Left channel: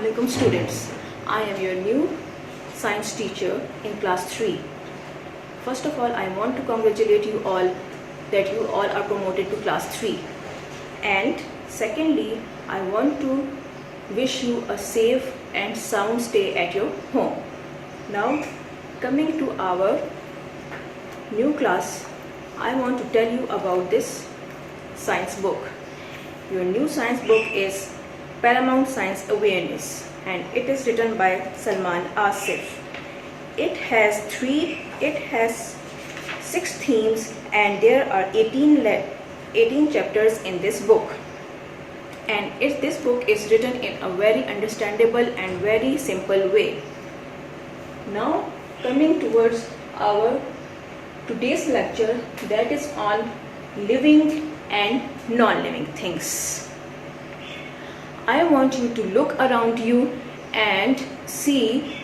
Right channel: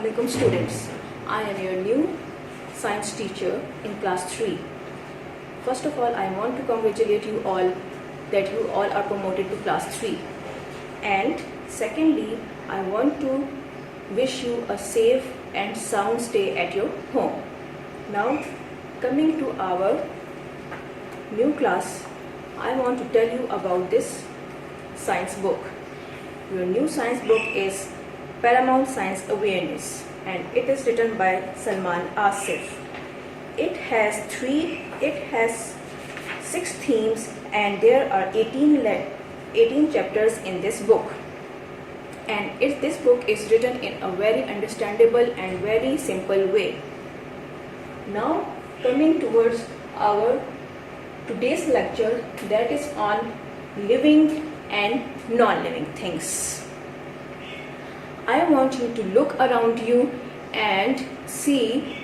Assalamualaikum students. I am your new science teacher in class 3. First of all, I want to congratulate you all that you all are promoted to class 3. And secondly, I want to wish you a safe and sound stay at your home. Now, coming to our new class, I want to tell you about this science book. Your new science book is Paramount Science Awareness, and it is written by Salman Asif. It has 6 themes, and there are 18 chapters in this book. And this book is written in a very understandable and very simple way. Now, coming towards our today's lecture, that is on living and non-living things. I want you to look around you and see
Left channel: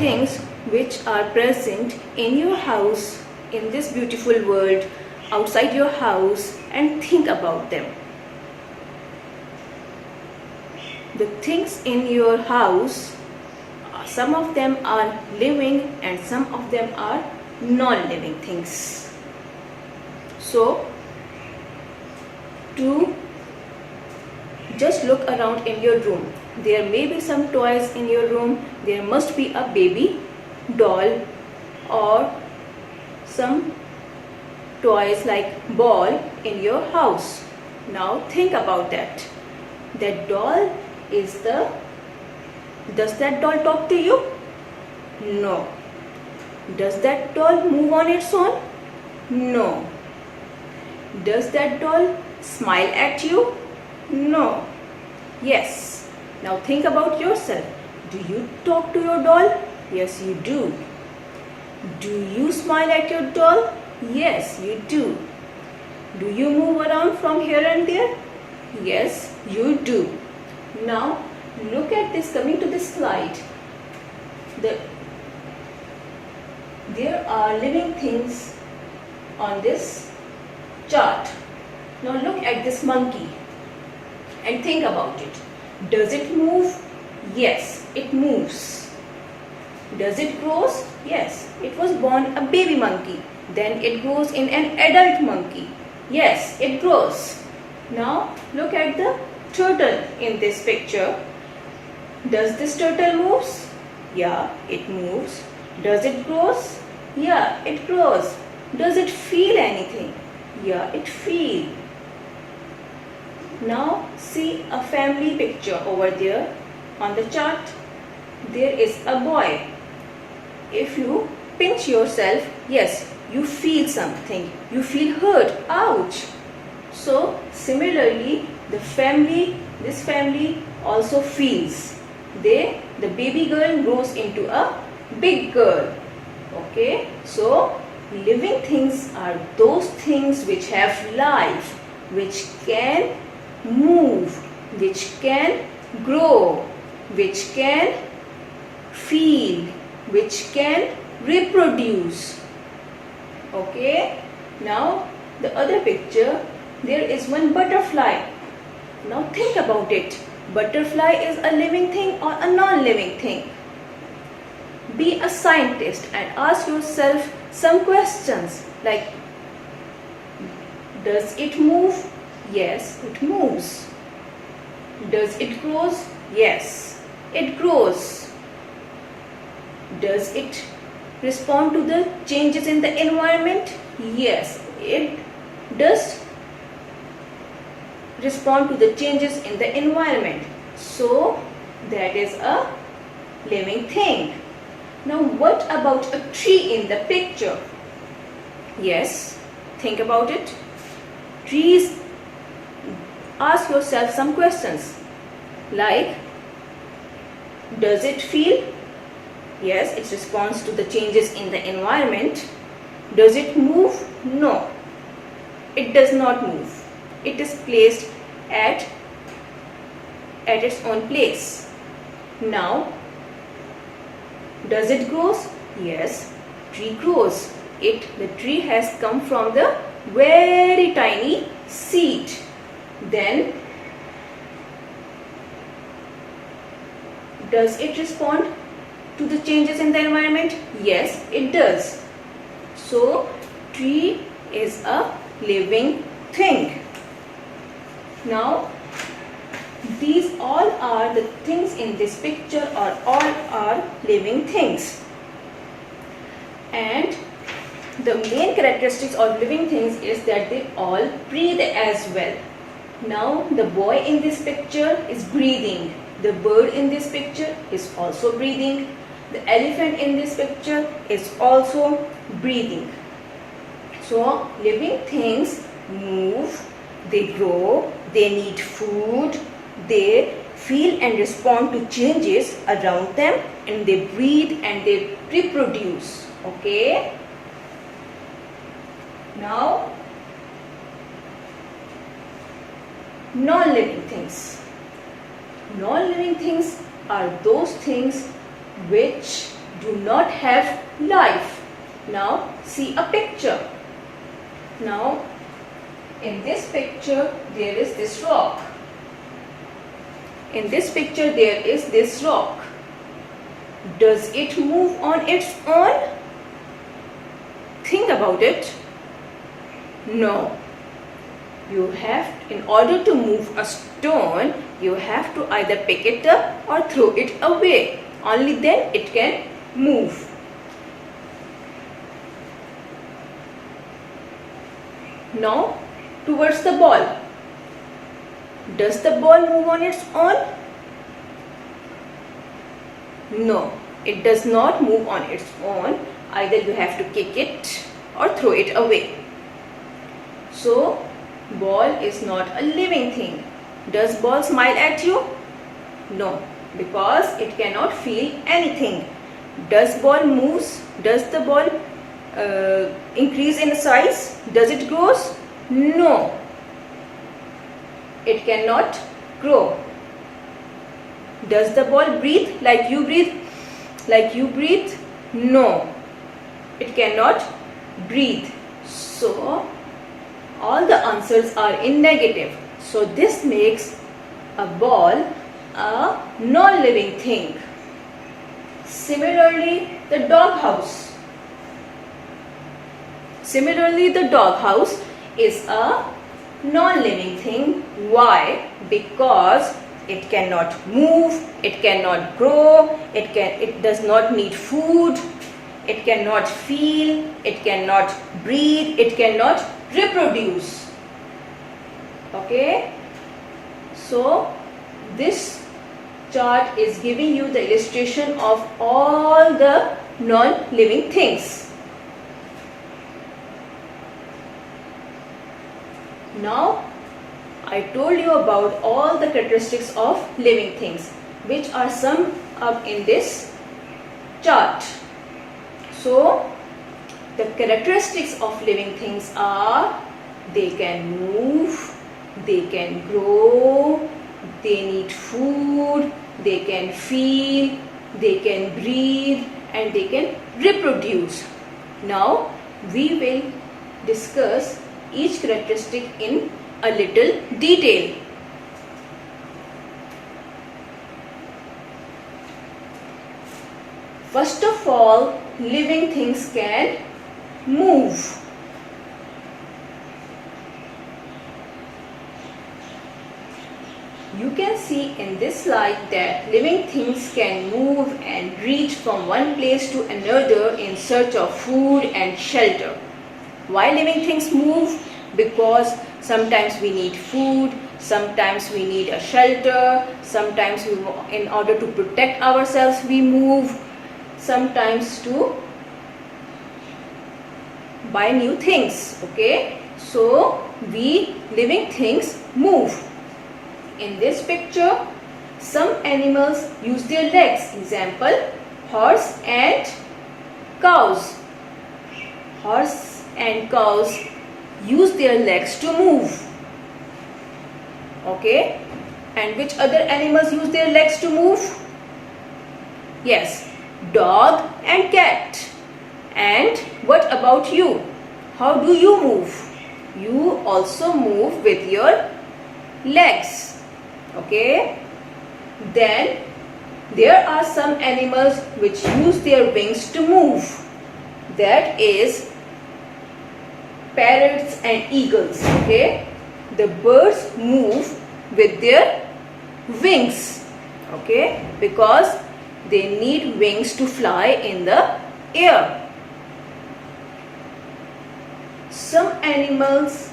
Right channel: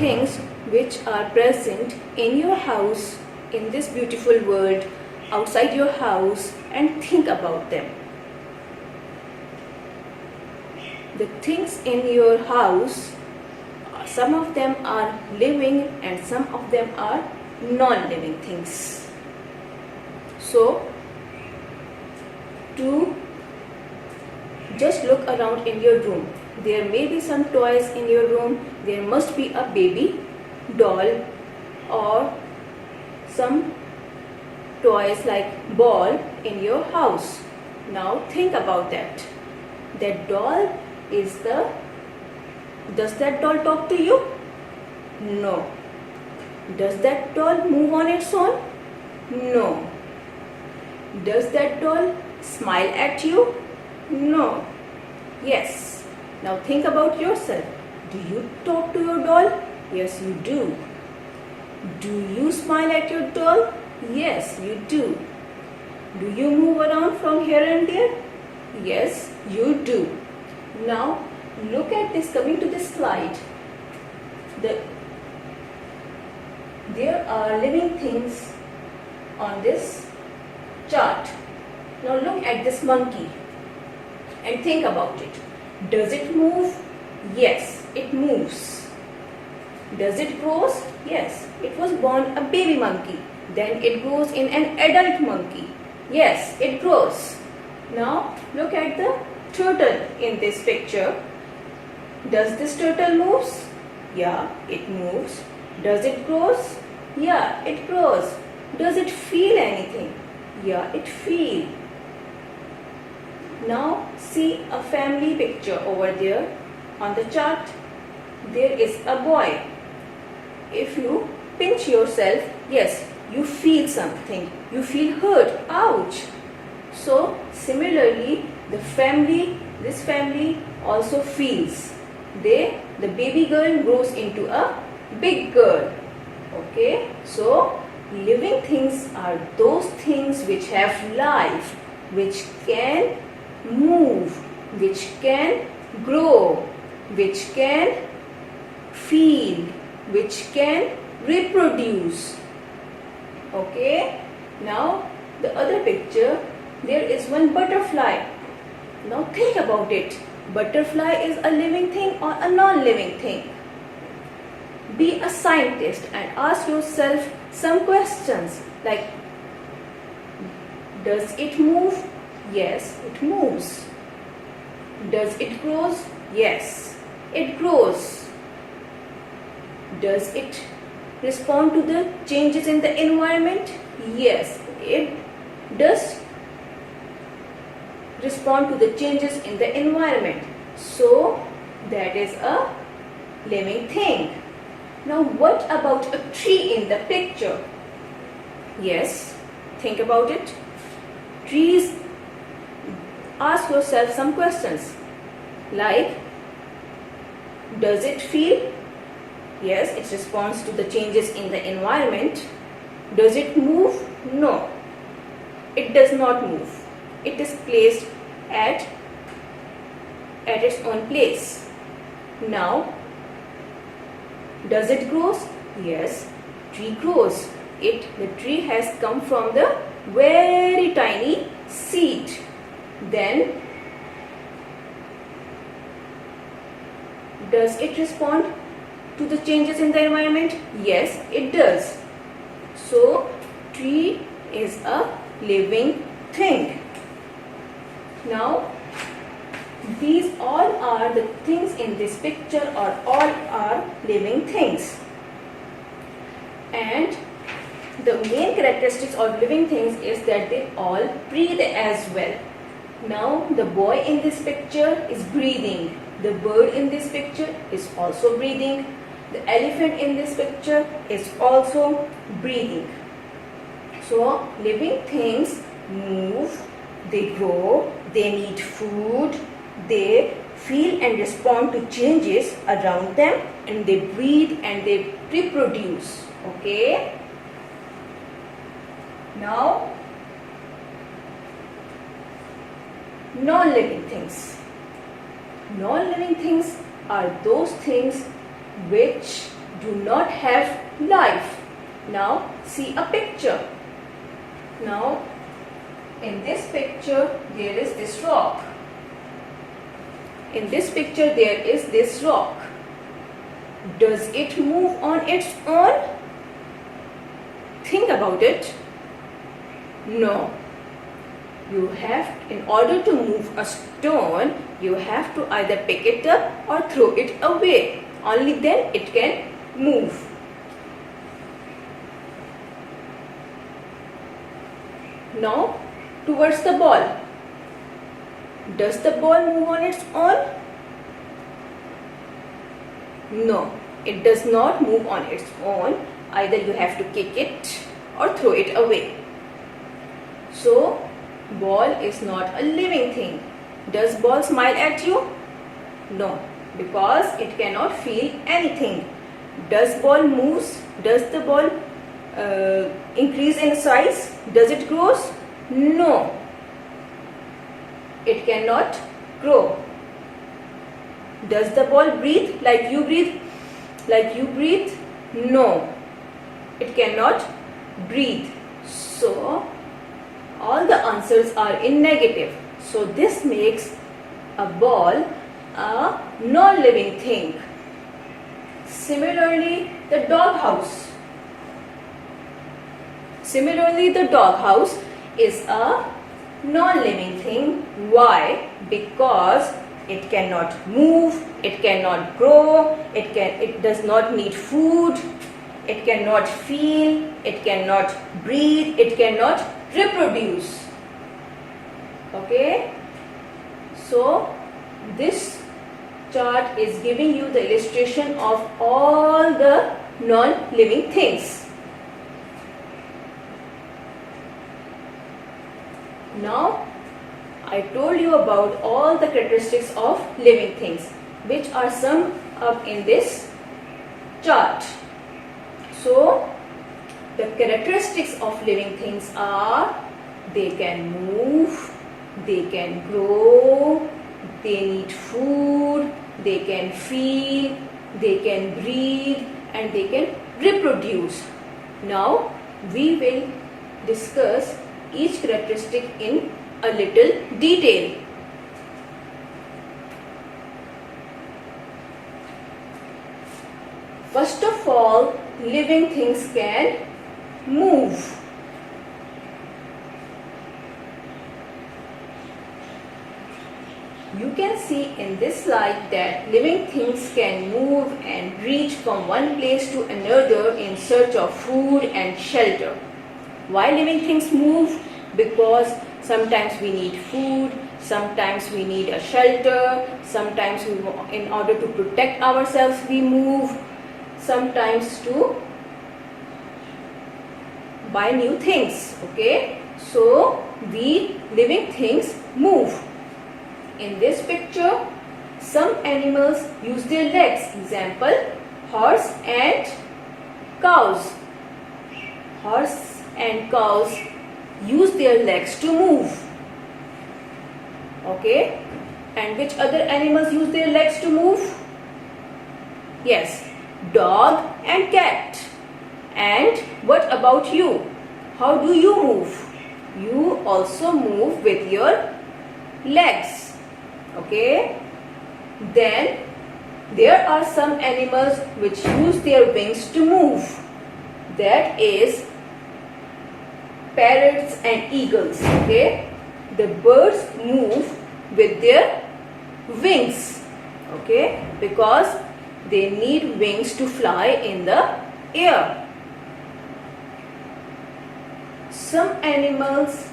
things which are present in your house, in this beautiful world, outside your house, and think about them. The things in your house, some of them are living and some of them are non-living things. So, to just look around in your room. There may be some toys in your room. There must be a baby doll or some toys like ball in your house. Now think about that. That doll does that doll talk to you? No. Does that doll move on its own? No. Does that doll smile at you? No. Yes. Now think about yourself. Do you talk to your doll? Yes, you do. Do you smile at your doll? Yes, you do. Do you move around from here and there? Yes, you do. Now look at this, coming to this slide. There are living things on this chart. Now look at this monkey and think about it. Does it move? Yes, it moves. Does it grow? Yes, it was born a baby monkey. Then it grows in an adult monkey. Yes, it grows. Now look at the turtle in this picture. Does this turtle move? Yeah, it moves. Does it grow? Yeah, it grows. Does it feel anything? Yeah, it feels. Now see a family picture over there on the chart. There is a boy. If you pinch yourself, yes, you feel something. You feel hurt. Ouch. So similarly, this family also feels. The baby girl grows into a big girl. Okay. So living things are those things which have life, which can move, which can grow, which can feel, which can reproduce. Okay. Now the other picture, there is one butterfly. Now think about it. Butterfly is a living thing or a non-living thing? Be a scientist and ask yourself some questions like, does it move? Yes, it moves. Does it grow? Yes, it grows. Does it respond to the changes in the environment? Yes, it does respond to the changes in the environment. So, that is a living thing. Now, what about a tree in the picture? Yes, think about it. Trees, ask yourself some questions like, does it feel? Yes, it responds to the changes in the environment. Does it move? No, it does not move. It is placed at its own place. Now, does it grow? Yes, tree grows. The tree has come from the very tiny seed. Then Does it respond to the changes in the environment? Yes, it does. So, tree is a living thing. Now, these all are the things in this picture, or all are living things. And the main characteristics of living things is that they all breathe as well. Now, the boy in this picture is breathing. The bird in this picture is also breathing. The elephant in this picture is also breathing. So, living things move, they grow, they need food, they feel and respond to changes around them, and they breathe and they reproduce. Okay? Now, non-living things. Non-living things are those things which do not have life. Now, see a picture. Now, in this picture, there is this rock. In this picture, there is this rock. Does it move on its own? Think about it. No. You have, in order to move a stone, you have to either pick it up or throw it away. Only then it can move. Now, towards the ball. Does the ball move on its own? No, it does not move on its own. Either you have to kick it or throw it away. So, ball is not a living thing. Does ball smile at you? No, because it cannot feel anything. Does ball moves? Does the ball increase in size? Does it grows? No, it cannot grow. Does the ball breathe like you breathe? Like you breathe? No, it cannot breathe. So, all the answers are in negative. So, this makes a ball a non-living thing. Similarly, the doghouse. Similarly, the doghouse is a non-living thing. Why? Because it cannot move, it cannot grow, it does not need food, it cannot feel, it cannot breathe, it cannot reproduce. Okay? So, this chart is giving you the illustration of all the non-living things. Now, I told you about all the characteristics of living things, which are summed up in this chart. So, the characteristics of living things are: they can move, they can grow, they need food, they can feel, they can breathe, and they can reproduce. Now, we will discuss each characteristic in a little detail. First of all, living things can move. You can see in this slide that living things can move and reach from one place to another in search of food and shelter. Why living things move? Because sometimes we need food, sometimes we need a shelter, sometimes in order to protect ourselves we move, sometimes to buy new things. Okay, so we living things move. In this picture, some animals use their legs. Example, horse and cows. Horse and cows use their legs to move. Okay, and which other animals use their legs to move? Yes, dog and cat. And what about you? How do you move? You also move with your legs. Okay, then There are some animals which use their wings to move. That is parrots and eagles. Okay, the birds move with their wings. Okay, because they need wings to fly in the air. Some animals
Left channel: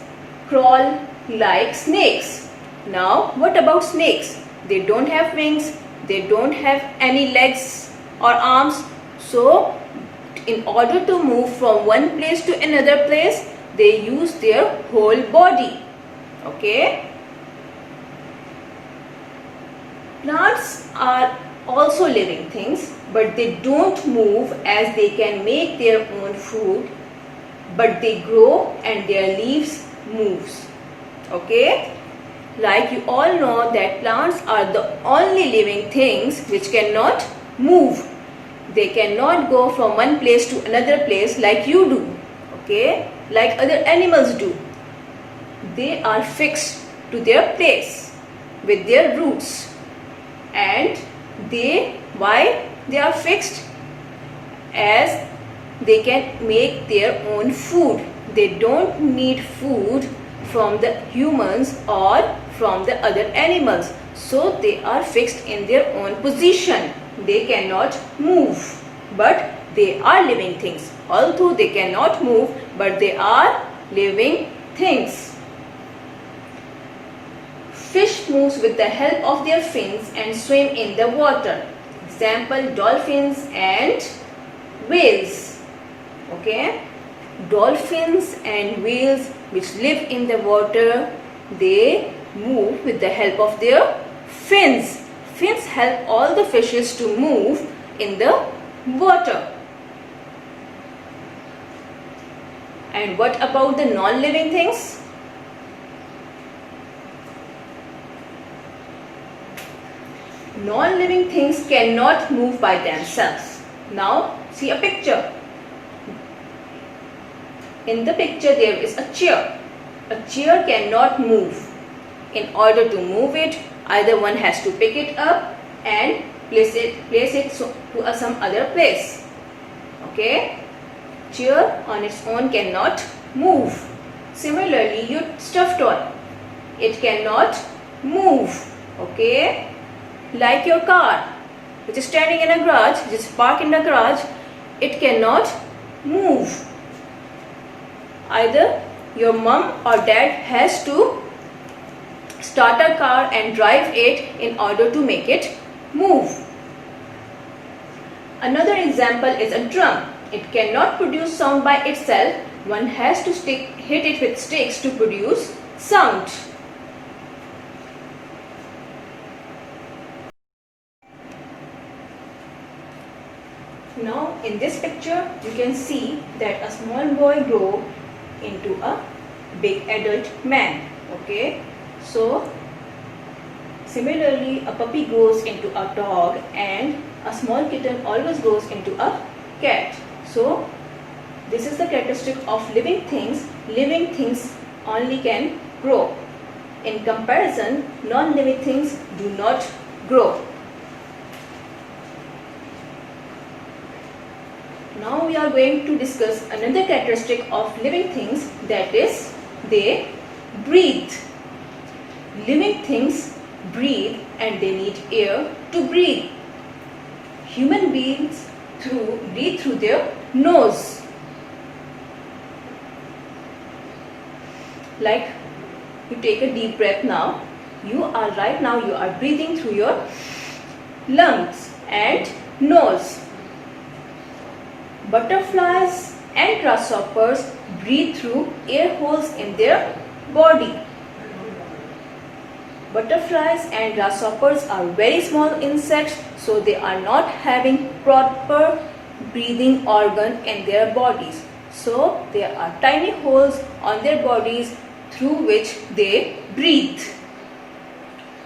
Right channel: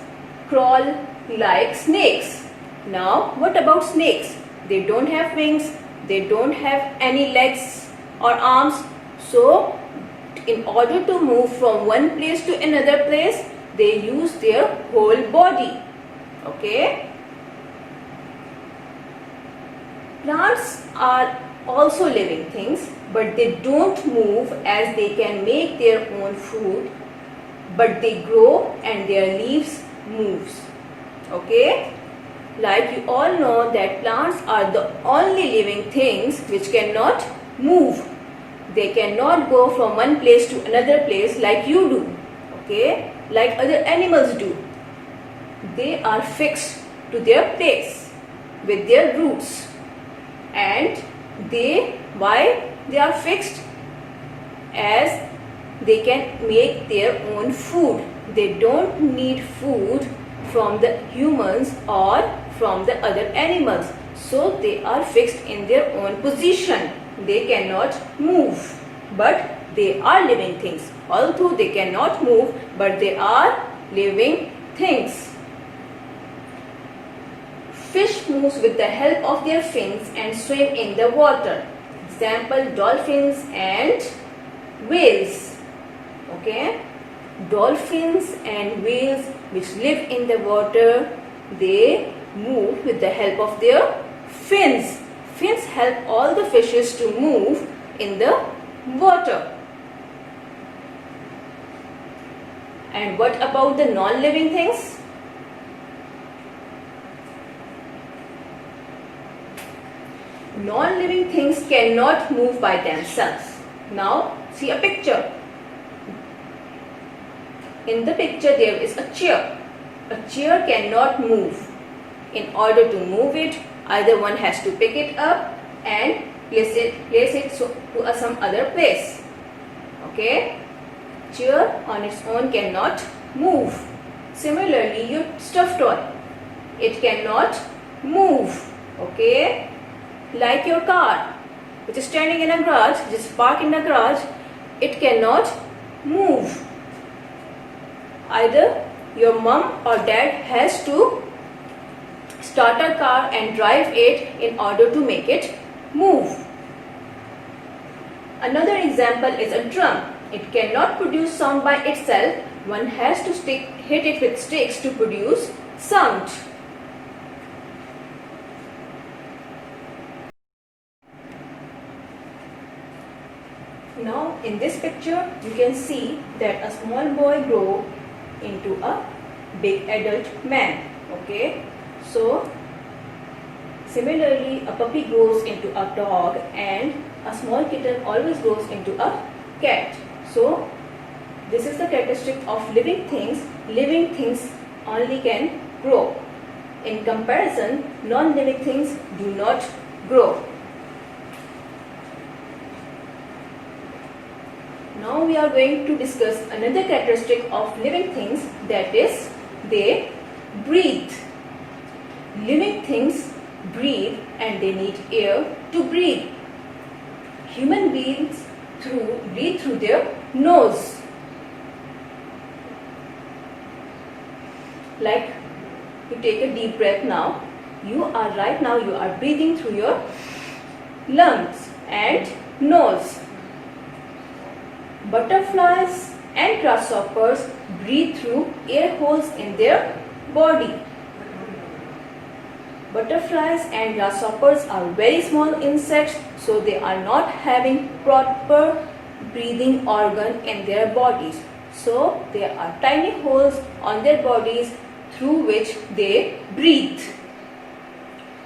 crawl like snakes. Now, what about snakes? They don't have wings, they don't have any legs or arms. So, in order to move from one place to another place, they use their whole body. Okay? Plants are also living things, but they don't move as they can make their own food, but they grow and their leaves moves. Okay? Like you all know that plants are the only living things which cannot move. They cannot go from one place to another place like you do. Okay? Like other animals do. They are fixed to their place with their roots. And why they are fixed? As they can make their own food. They don't need food from the humans or from the other animals. So they are fixed in their own position. They cannot move. But they are living things. Although they cannot move, but they are living things. Fish moves with the help of their fins and swim in the water. Example, dolphins and whales. Okay? Dolphins and whales which live in the water, they move with the help of their fins. Fins help all the fishes to move in the water. And what about the non-living things? Non-living things cannot move by themselves. Now, see a picture. In the picture, there is a chair. A chair cannot move. In order to move it, either one has to pick it up and place it to some other place. Okay? Chair on its own cannot move. Similarly, your stuffed toy, it cannot move. Okay? Like your car, which is standing in a garage, which is parked in a garage, it cannot move. Either your mom or dad has to start a car and drive it in order to make it move. Another example is a drum. It cannot produce sound by itself. One has to hit it with sticks to produce sound. Now in this picture you can see that a small boy grow into a big adult man. Okay, so similarly a puppy grows into a dog and a small kitten always grows into a cat. So this is the characteristic of living things. Living things only can grow. In comparison, non-living things do not grow. Now we are going to discuss another characteristic of living things, that is they breathe. Living things breathe and they need air to breathe. Human beings breathe through their nose. Like you take a deep breath now. You are breathing through your lungs and nose. Butterflies and grasshoppers breathe through air holes in their body. Butterflies and grasshoppers are very small insects, so they are not having proper breathing organ in their bodies. So there are tiny holes on their bodies through which they breathe.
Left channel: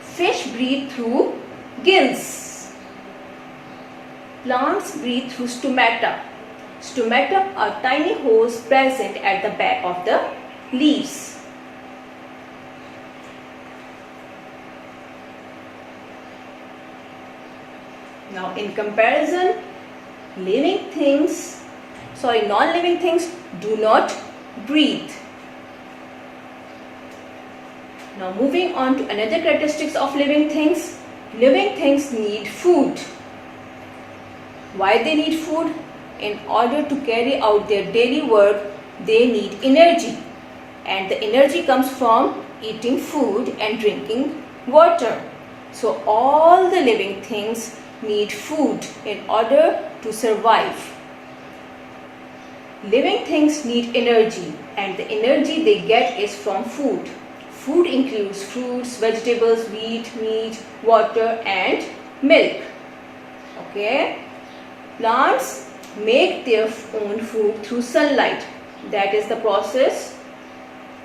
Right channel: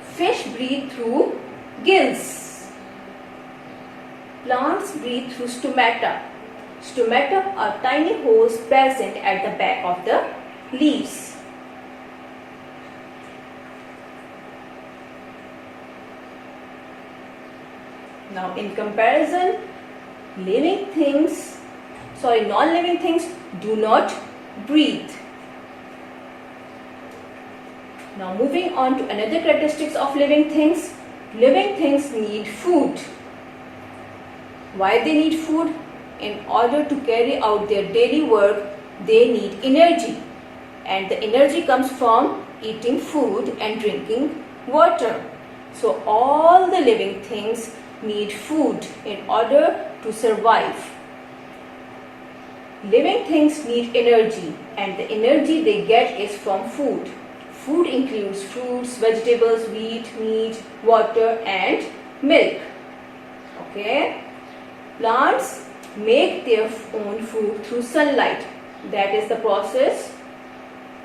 Fish breathe through gills. Plants breathe through stomata. Stomata are tiny holes present at the back of the leaves. Now in comparison, non-living things do not breathe. Now moving on to another characteristics of living things. Living things need food. Why they need food? In order to carry out their daily work, they need energy. And the energy comes from eating food and drinking water. So all the living things need food in order to survive. Living things need energy, and the energy they get is from food. Food includes fruits, vegetables, wheat, meat, water and milk. Okay? Plants make their own food through sunlight. That is the process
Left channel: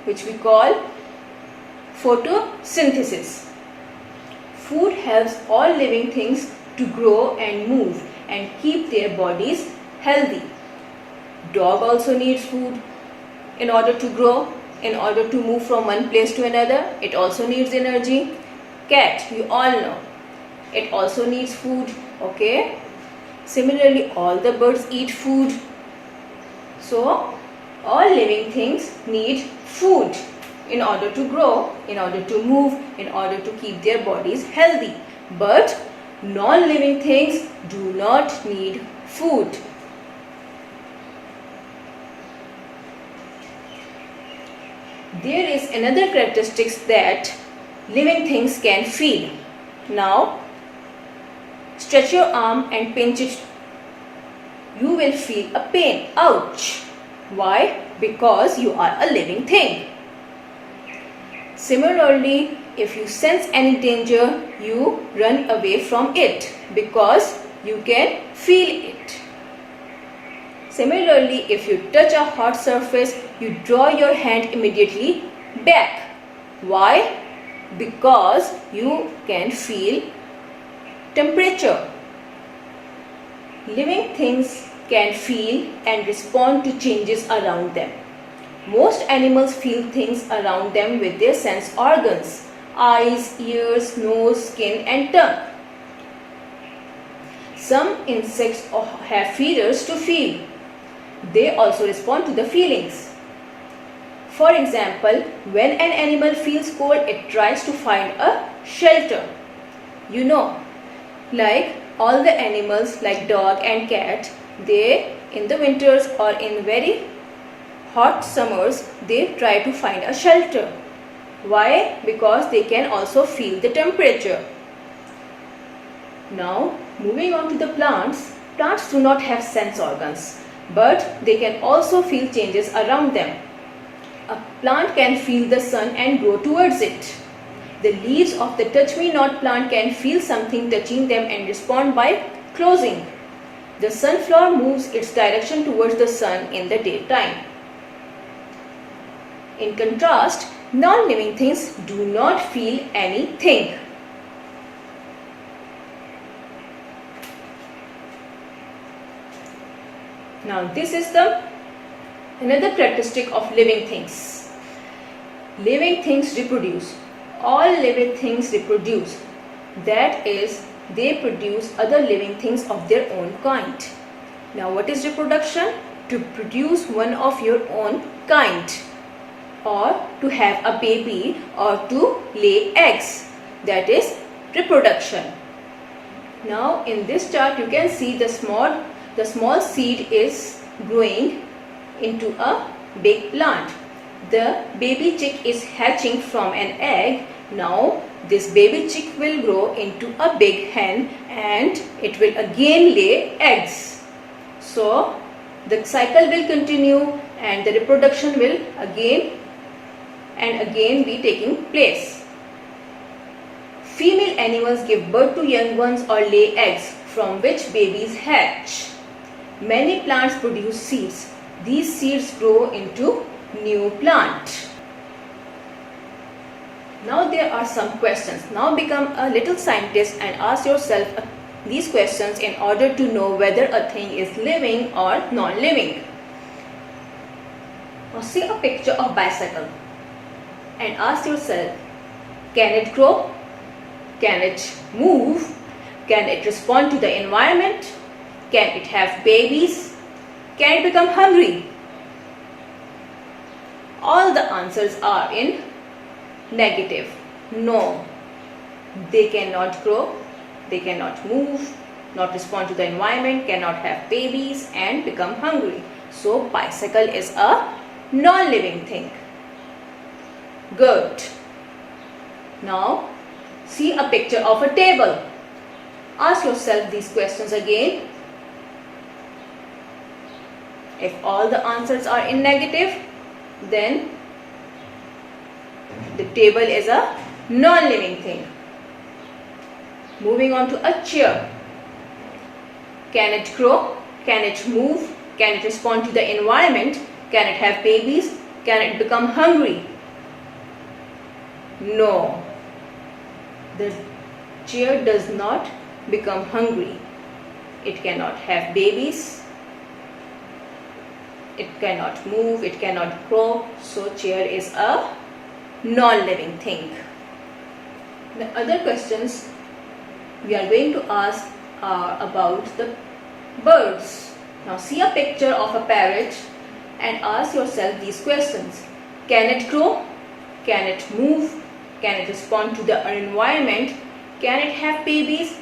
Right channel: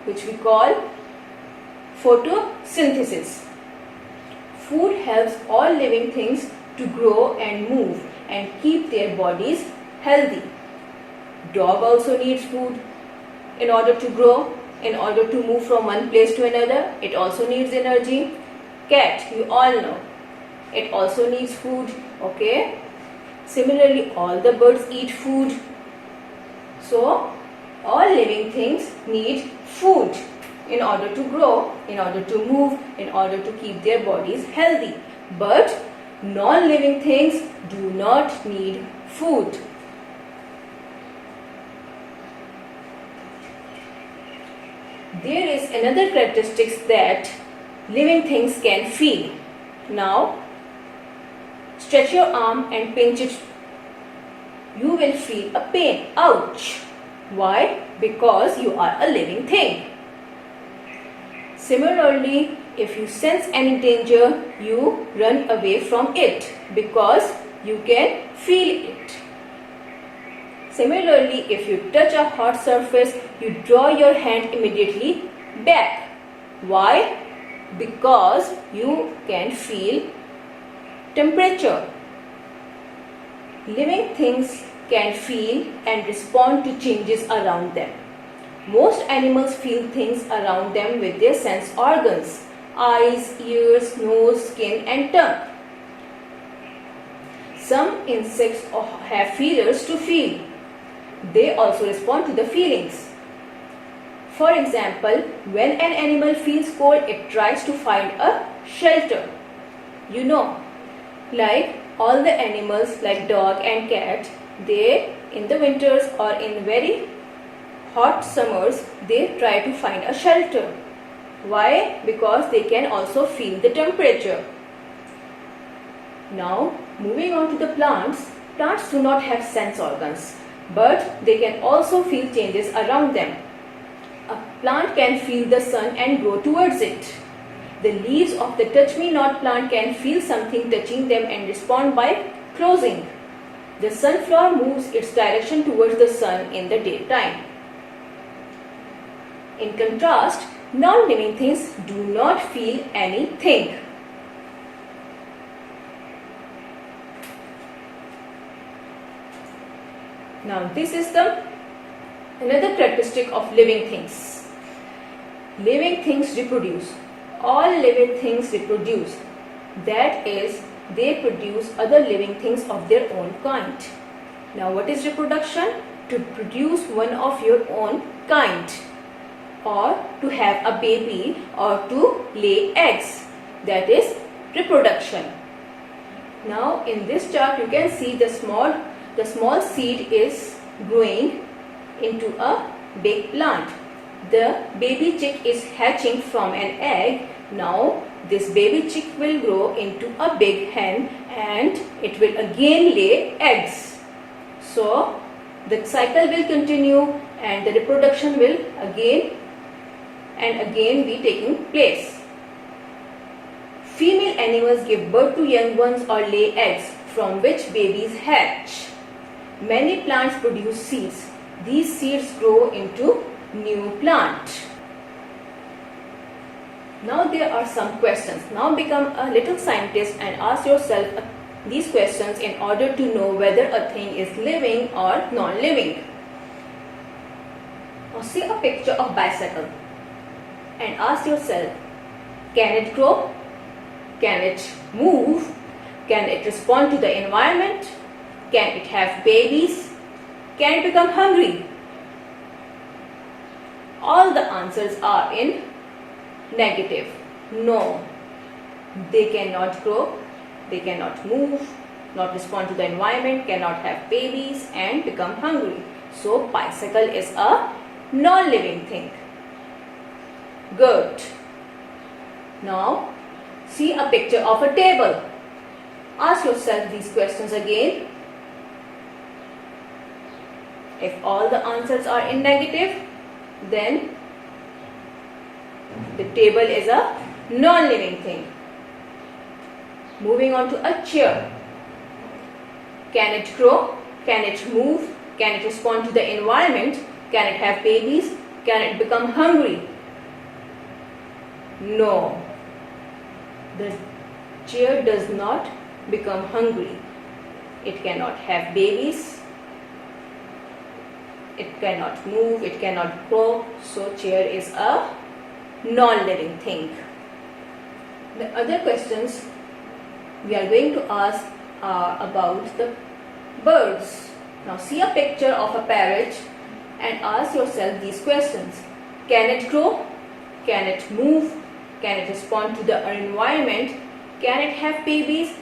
which we call photosynthesis. Food helps all living things to grow and move and keep their bodies healthy. Dog also needs food in order to grow, in order to move from one place to another. It also needs energy. Cat, you all know, it also needs food. Okay? Similarly, all the birds eat food. So, all living things need food in order to grow, in order to move, in order to keep their bodies healthy. But non-living things do not need food. There is another characteristic that living things can feel. Now, stretch your arm and pinch it. You will feel a pain. Ouch! Why? Because you are a living thing. Similarly, if you sense any danger, you run away from it because you can feel it. Similarly, if you touch a hot surface, you draw your hand immediately back. Why? Because you can feel temperature. Living things can feel and respond to changes around them. Most animals feel things around them with their sense organs: eyes, ears, nose, skin and tongue. Some insects have feelers to feel. They also respond to the feelings. For example, when an animal feels cold, it tries to find a shelter. You know, like all the animals like dog and cat, they in the winters or in very hot summers, they try to find a shelter. Why? Because they can also feel the temperature. Now, moving on to the plants. Plants do not have sense organs, but they can also feel changes around them. A plant can feel the sun and grow towards it. The leaves of the touch-me-not plant can feel something touching them and respond by closing. The sunflower moves its direction towards the sun in the daytime. In contrast, non-living things do not feel anything. Now this is another characteristic of living things. Living things reproduce. All living things reproduce. That is, they produce other living things of their own kind. Now what is reproduction? To produce one of your own kind, or to have a baby, or to lay eggs. That is reproduction. Now in this chart you can see the small seed is growing into a big plant. The baby chick is hatching from an egg. Now this baby chick will grow into a big hen and it will again lay eggs. So the cycle will continue and the reproduction will again and again be taking place. Female animals give birth to young ones or lay eggs from which babies hatch. Many plants produce seeds. These seeds grow into new plant. Now there are some questions. Now become a little scientist and ask yourself these questions in order to know whether a thing is living or non-living. Now see a picture of bicycle and ask yourself, can it grow? Can it move? Can it respond to the environment? Can it have babies? Can it become hungry? All the answers are in negative. No, they cannot grow, they cannot move, not respond to the environment, cannot have babies and become hungry. So bicycle is a non-living thing. Good. Now see a picture of a table. Ask yourself these questions again. If all the answers are in negative, then the table is a non-living thing. Moving on to a chair. Can it grow? Can it move? Can it respond to the environment? Can it have babies? Can it become hungry? No. The chair does not become hungry. It cannot have babies. It cannot move. It cannot grow. So chair is a non-living thing. The other questions we are going to ask are about the birds. Now see a picture of a parrot and ask yourself these questions. Can it grow? Can it move? Can it respond to the environment? Can it have babies?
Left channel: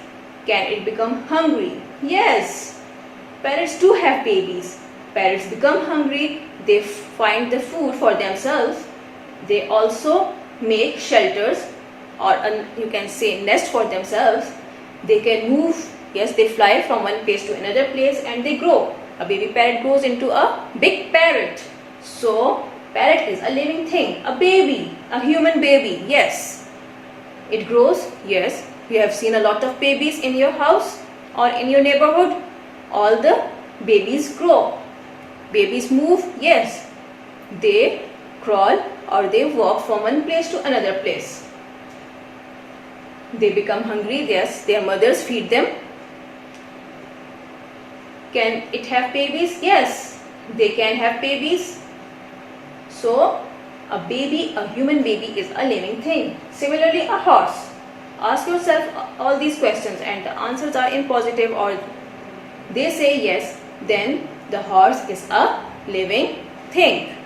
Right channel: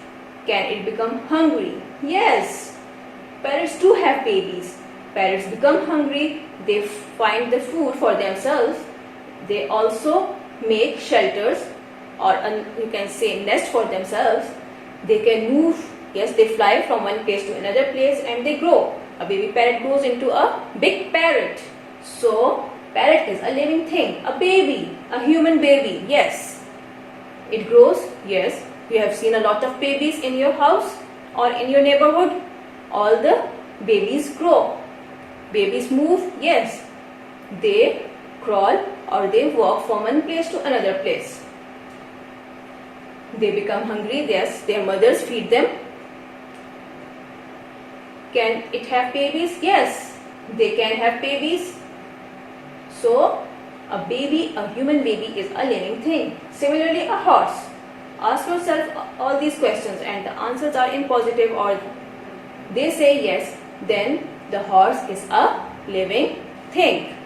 Can it become hungry? Yes, parrots do have babies. Parrots become hungry. They find the food for themselves. They also make shelters, or you can say nest for themselves. They can move. Yes, they fly from one place to another place and they grow. A baby parrot grows into a big parrot. So parrot is a living thing, a baby, a human baby. Yes, it grows. Yes, you have seen a lot of babies in your house or in your neighborhood. All the babies grow. Babies move. Yes, they crawl or they walk from one place to another place. They become hungry. Yes, their mothers feed them. Can it have babies? Yes, they can have babies. So a baby, a human baby is a living thing. Similarly, a horse. Ask yourself all these questions and the answers are in positive or they say yes, then the horse is a living thing.